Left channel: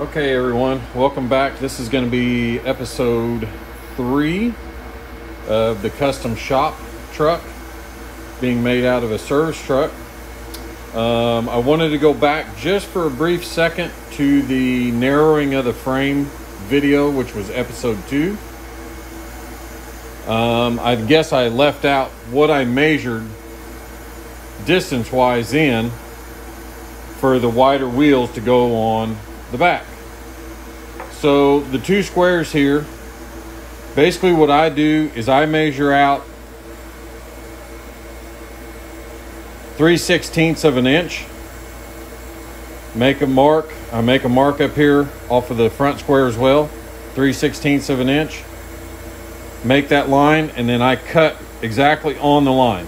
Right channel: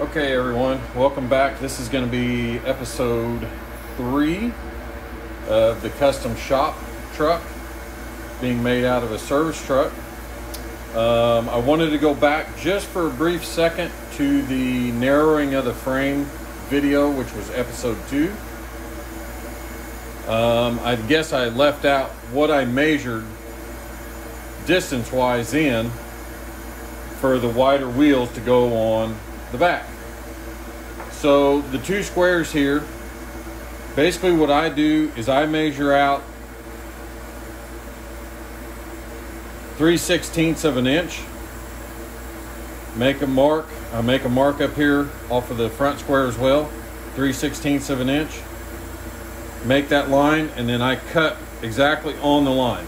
Okay everyone, welcome back. This is going to be episode 3 of the Custom Shop Truck being made out of a service truck. I wanted to go back just for a brief second to the narrowing of the frame video, which was episode 2. I guess I left out what I measured distance wise in for the wider wheels to go on the back. So the 2 squares here, basically what I do is I measure out 3/16 of an inch, make a mark. I make a mark up here off of the front square as well, 3/16 of an inch, make that line, and then I cut exactly on the line.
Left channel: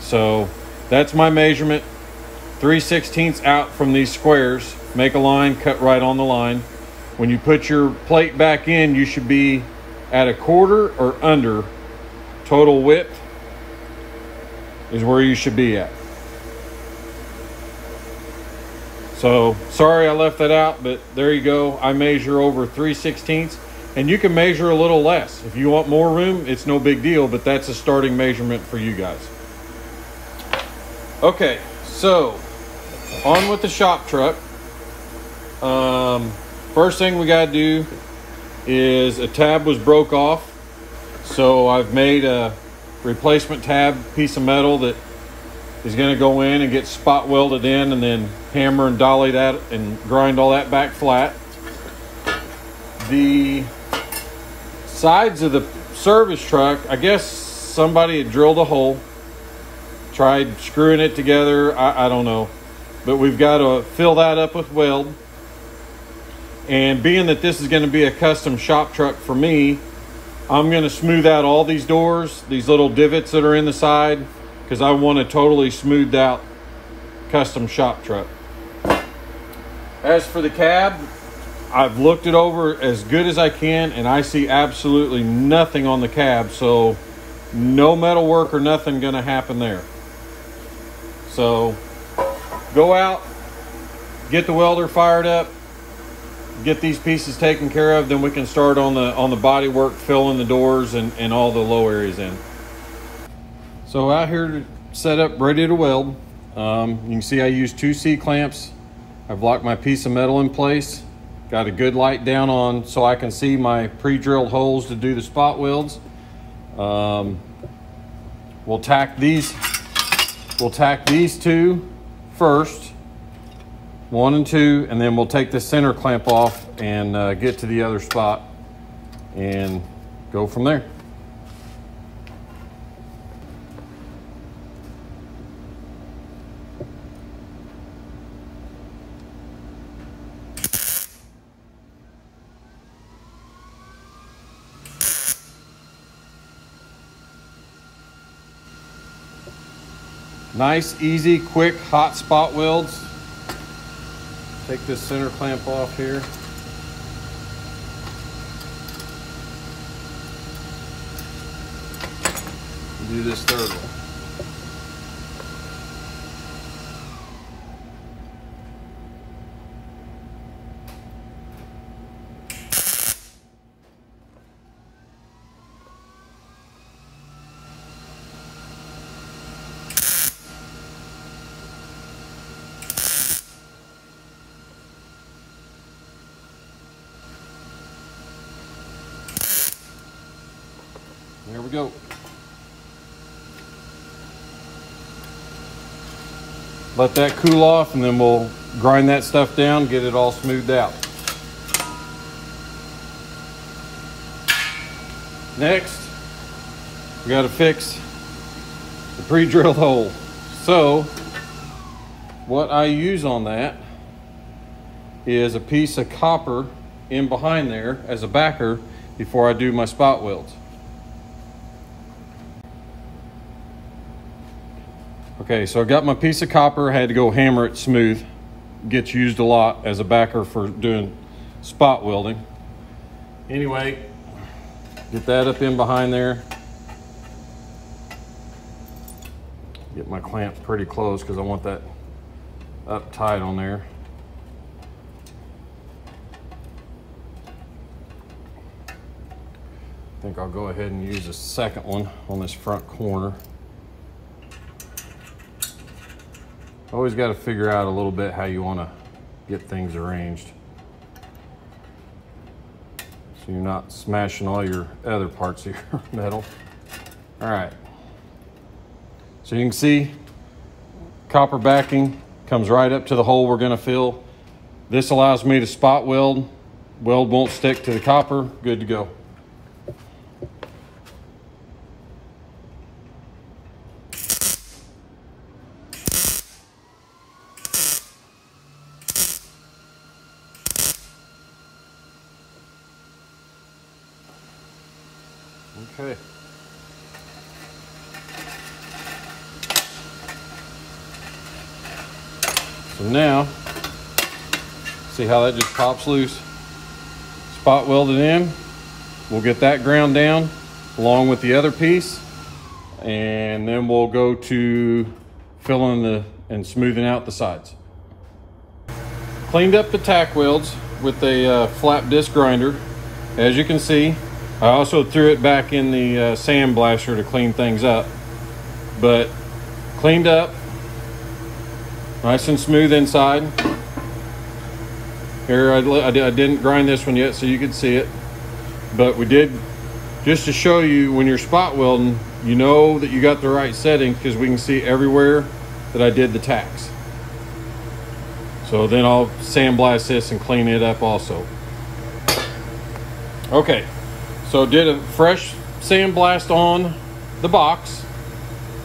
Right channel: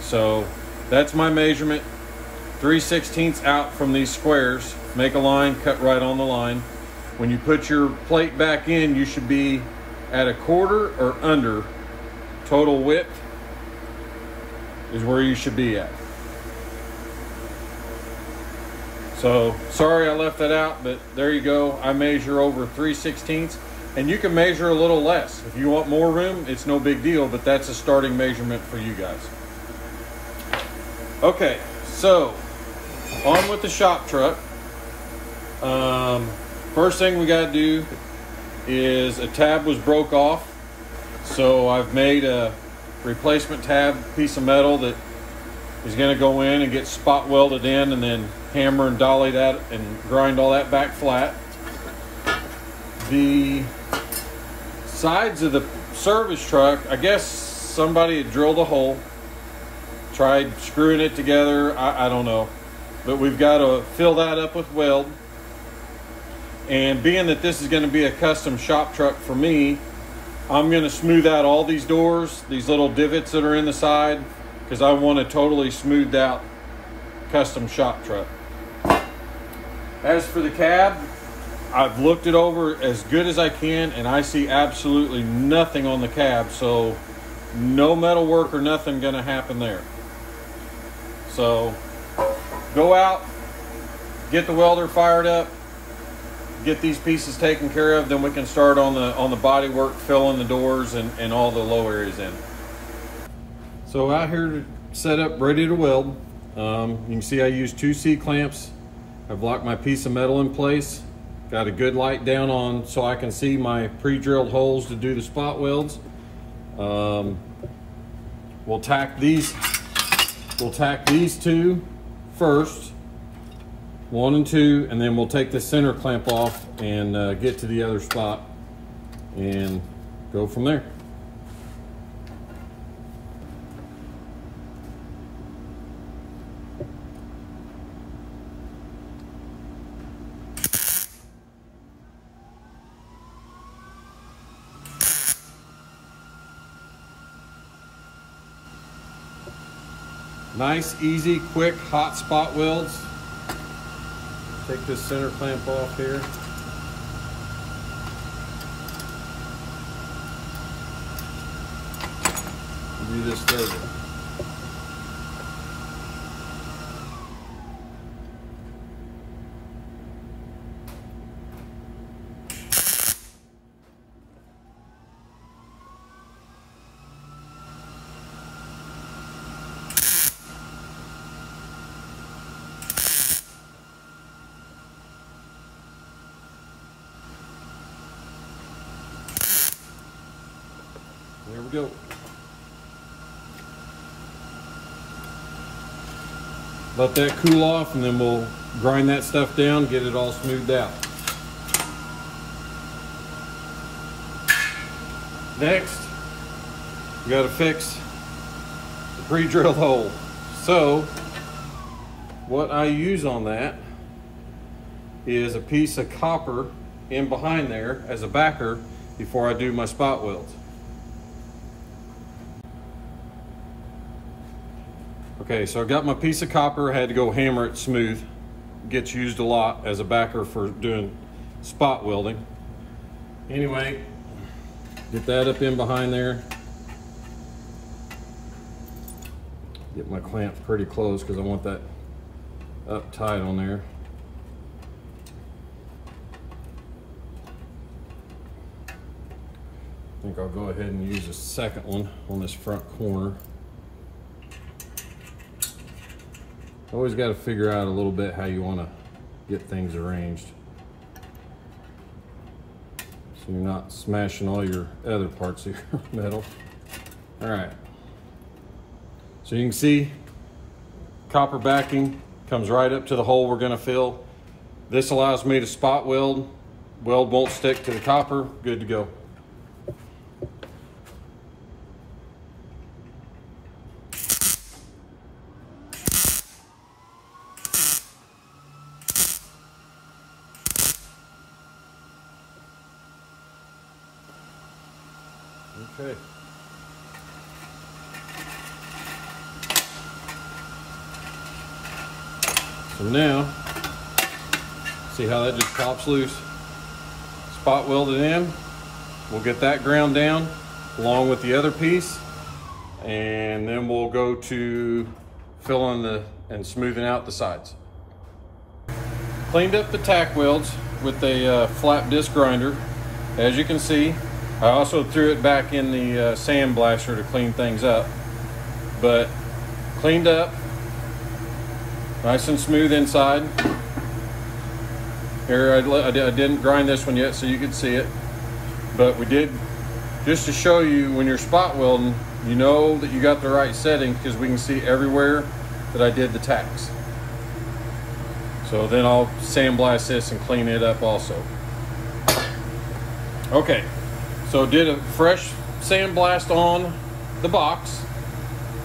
So that's my measurement, 3/16 out from these squares, make a line, cut right on the line. When you put your plate back in, you should be at 1/4 or under. Total width is where you should be at. So sorry I left that out, but there you go. I measure over 3/16, and you can measure a little less. If you want more room, it's no big deal, but that's a starting measurement for you guys. Okay, so on with the shop truck. First thing we got to do is a tab was broke off, so I've made a replacement tab piece of metal that is going to go in and get spot welded in, and then hammer and dolly that and grind all that back flat. The sides of the service truck, I guess somebody had drilled a hole, tried screwing it together, I don't know, but we've got to fill that up with weld. And being that this is going to be a custom shop truck for me, I'm going to smooth out all these doors, these little divots that are in the side, because I want a totally smoothed out custom shop truck. As for the cab, I've looked it over as good as I can, and I see absolutely nothing on the cab, so no metal work or nothing going to happen there. So go out, get the welder fired up, get these pieces taken care of, then we can start on the body work, filling the doors and all the low areas in. So out here set up, ready to weld. You can see I use 2 C-clamps. I've locked my piece of metal in place, got a good light down on so I can see my pre-drilled holes to do the spot welds. We'll tack these 2 first, 1 and 2, and then we'll take the center clamp off and get to the other spot and go from there. Nice, easy, quick, hot spot welds. Take this center clamp off here. Do this third one. Here we go. Let that cool off, and then we'll grind that stuff down, get it all smoothed out. Next, we got to fix the pre-drilled hole. So what I use on that is a piece of copper in behind there as a backer before I do my spot welds. Okay, so I got my piece of copper, I had to go hammer it smooth. Gets used a lot as a backer for doing spot welding. Anyway, get that up in behind there. Get my clamp pretty close because I want that up tight on there. think I'll go ahead and use a second one on this front corner. Always got to figure out a little bit how you want to get things arranged, so you're not smashing all your other parts of your metal. All right, so you can see copper backing comes right up to the hole we're going to fill. This allows me to spot weld. Weld won't stick to the copper. Good to go. Okay. So now, see how that just pops loose? Spot welded in. We'll get that ground down along with the other piece, and then we'll go to filling and smoothing out the sides. Cleaned up the tack welds with a flat disc grinder. As you can see, I also threw it back in the sandblaster to clean things up, but cleaned up, nice and smooth inside. Here, I didn't grind this one yet so you could see it, but we did, just to show you when you're spot welding, you know that you got the right setting because we can see everywhere that I did the tacks. So then I'll sandblast this and clean it up also. Okay. So did a fresh sandblast on the box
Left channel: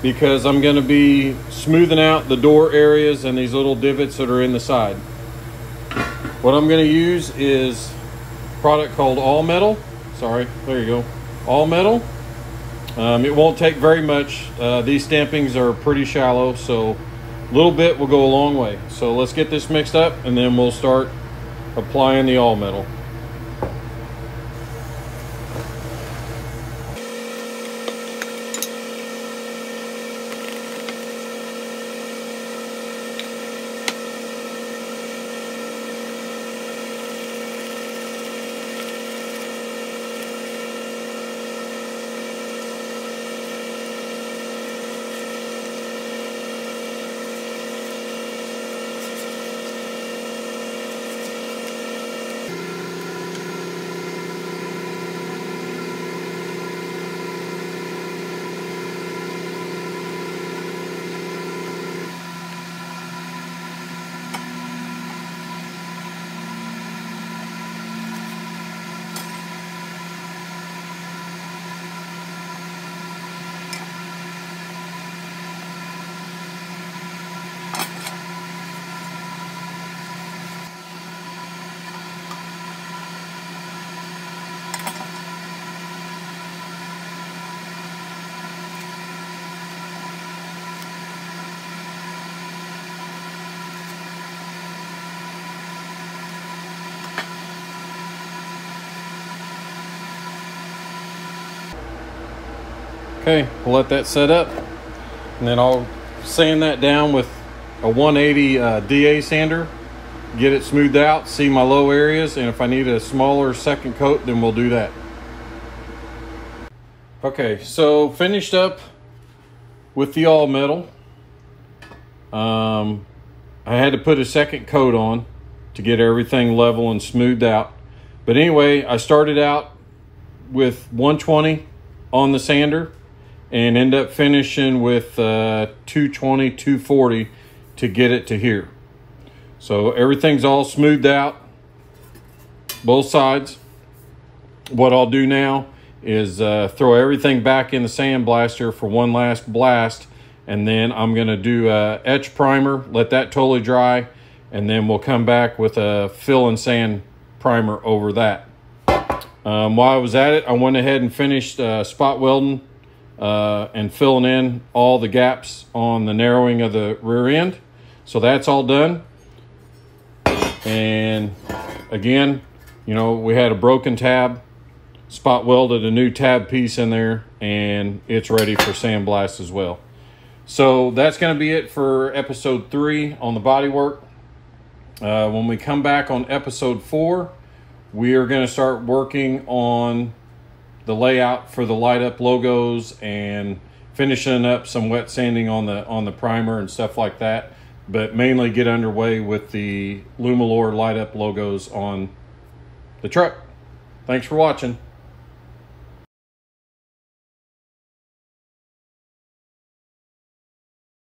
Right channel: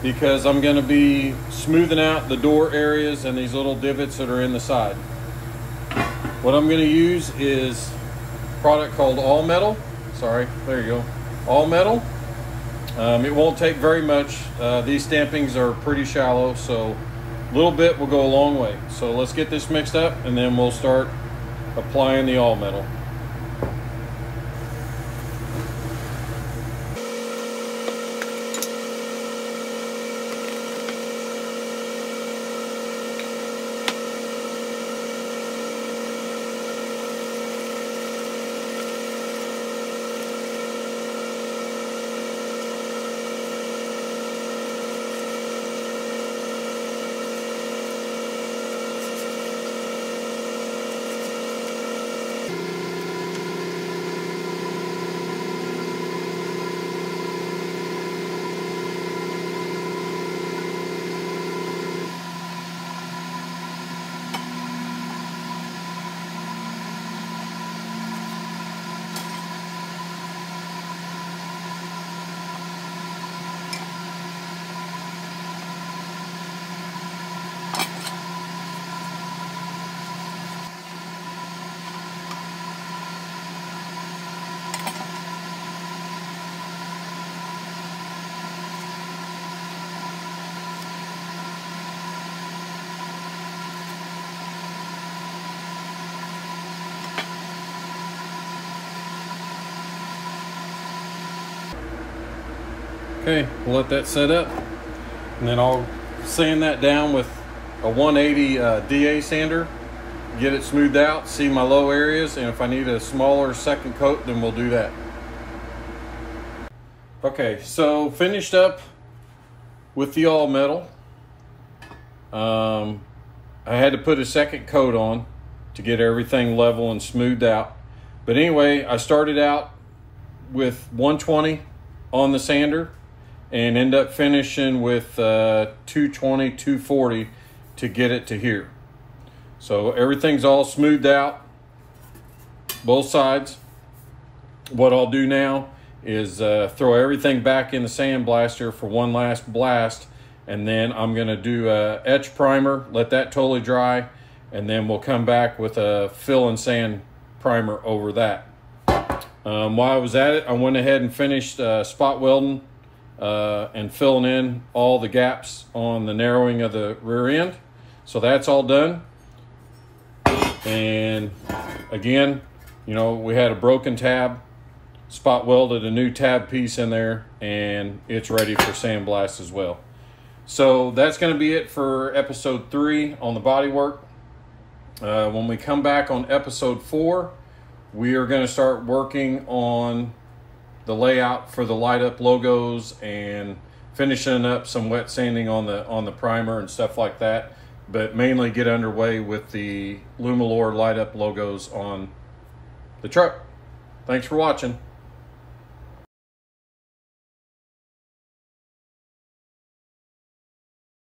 because I'm going to be smoothing out the door areas and these little divots that are in the side. What I'm going to use is a product called All Metal. Sorry, there you go. All Metal. It won't take very much. These stampings are pretty shallow, so a little bit will go a long way. So let's get this mixed up and then we'll start applying the All Metal. Okay, we'll let that set up, and then I'll sand that down with a 180 DA sander, get it smoothed out, see my low areas, and if I need a smaller second coat, then we'll do that. Okay, so finished up with the all metal. I had to put a second coat on to get everything level and smoothed out. But anyway, I started out with 120 on the sander and end up finishing with 220, 240 to get it to here. So everything's all smoothed out, both sides. What I'll do now is throw everything back in the sandblaster for one last blast, and then I'm gonna do a etch primer, let that totally dry, and then we'll come back with a fill and sand primer over that. While I was at it, I went ahead and finished spot welding and filling in all the gaps on the narrowing of the rear end. So that's all done. And again, you know, we had a broken tab, spot welded a new tab piece in there, and it's ready for sandblast as well. So that's going to be it for episode 3 on the bodywork. When we come back on episode 4, we are going to start working on the layout for the light up logos and finishing up some wet sanding on the primer and stuff like that, but mainly get underway with the Lumilor light up logos on the truck. Thanks for watching.